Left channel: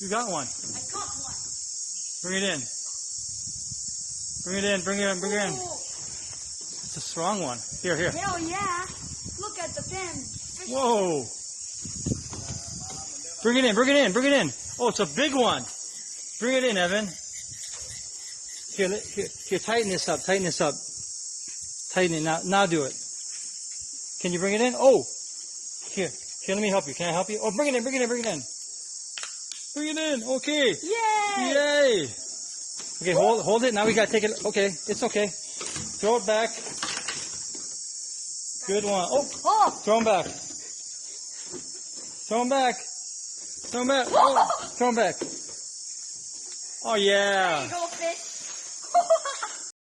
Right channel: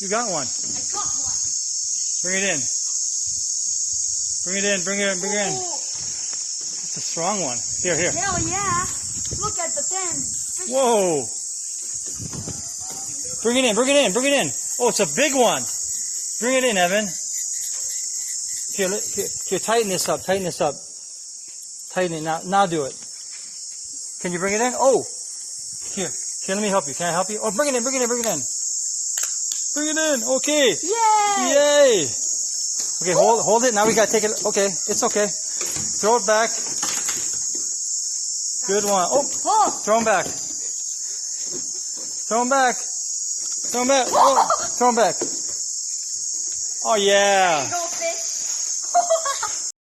You got one. I got one. Bring it in. Bring it in. Bring it in. Bring it in. Oh, It's a strong one. Here, here. hell yeah. Look at the thing. Whoa. Bring it in. Bring it in. Bring it in. Oh, it's a big one. Bring it in, Evan. Here, here. Tighten this up. Tighten this up. Tighten it. Now do it. Can you bring it in? Oh. Here. Here, let me help you. Can I help you? Oh, bring it in. Bring it in. Bring it in. Bring it in. Okay. Yay! Yay. Okay, hold it. Now we gotta take it. Okay, it's okay. Throw it back. Good one. Oh, Oh! throw him back. Throw him back. Throw him back. Oh, throw him back. Oh yeah. Go